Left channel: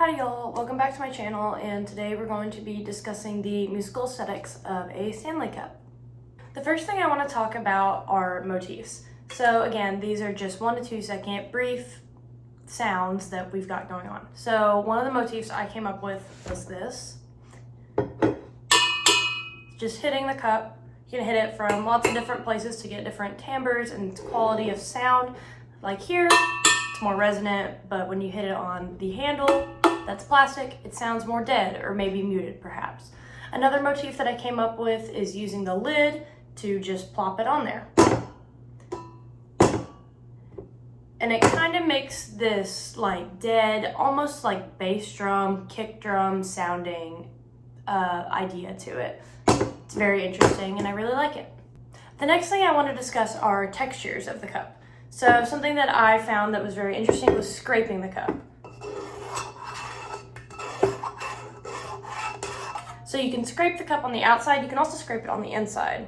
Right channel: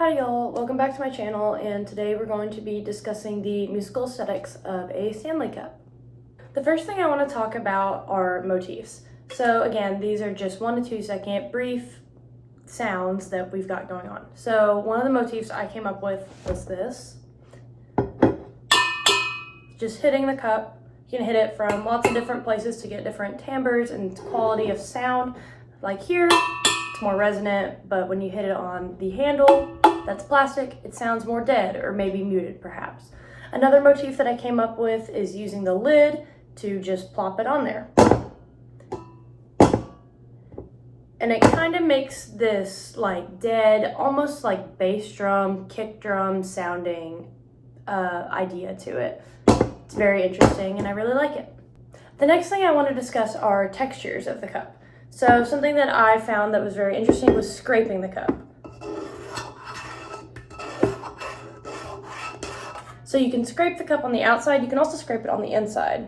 Hi y'all, welcome back to my channel, and today we're going to be discussing the musical aesthetics of a Stanley Cup. The first thing I want to talk about are motifs. So again, these are just 1 to 2 second brief sounds that we've got going on. So one of the motifs I came up with was this. Just hitting the cup. You can hit it from lots of different places to get different timbres and quality of sound. Like here, it's more resonant, but when you hit it on the handle, that's plastic, it sounds more dead or maybe muted perhaps. Another motif that I came up with is using the lid to just plop it on there. And it kind of makes this like dead, almost like bass drum, kick drum sounding idea to it. It's very interesting and I really like it. The next thing I want to discuss are textures of the cup. So something that I found that was very interesting was scraping the cup. So you can scrape the cup on the outside, you can also scrape it on the inside.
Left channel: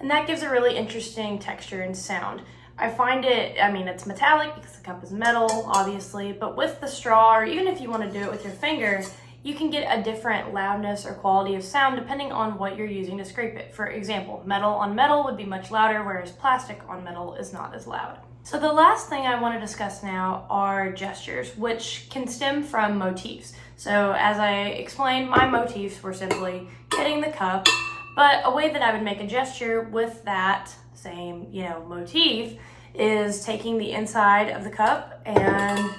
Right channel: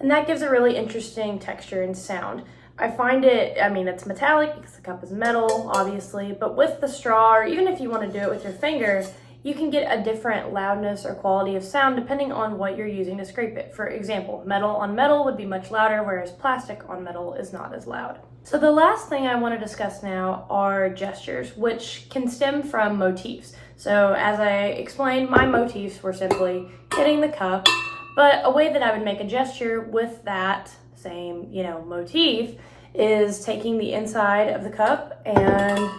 And that gives a really interesting texture and sound. I find it, it's metallic because the cup is metal, obviously, but with the straw, or even if you want to do it with your finger, you can get a different loudness or quality of sound depending on what you're using to scrape it. For example, metal on metal would be much louder, whereas plastic on metal is not as loud. So the last thing I want to discuss now are gestures, which can stem from motifs. So as I explained, my motifs were simply hitting the cup, but a way that I would make a gesture with that same, motif is taking the inside of the cup and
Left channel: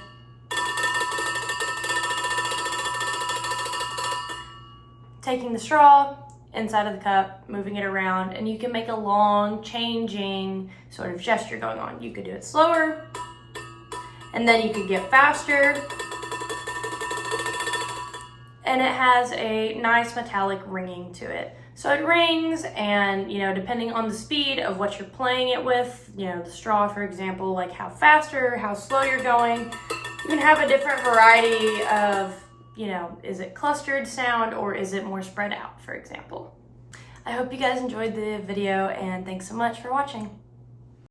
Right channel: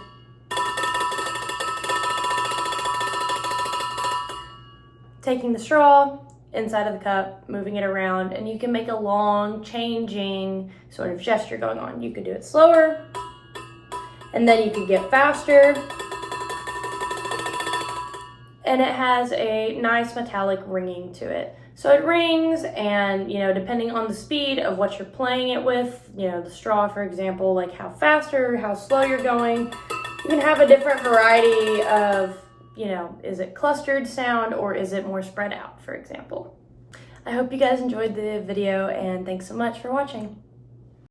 taking the straw inside of the cup, moving it around, and you can make a long changing sort of gesture going on. You could do it slower, and then you could get faster, and it has a nice metallic ringing to it. So it rings, and depending on the speed of what you're playing it with, the straw, for example, like how fast or how slow you're going, you can have a different variety of is it clustered sound or is it more spread out, for example. I hope you guys enjoyed the video and thanks so much for watching.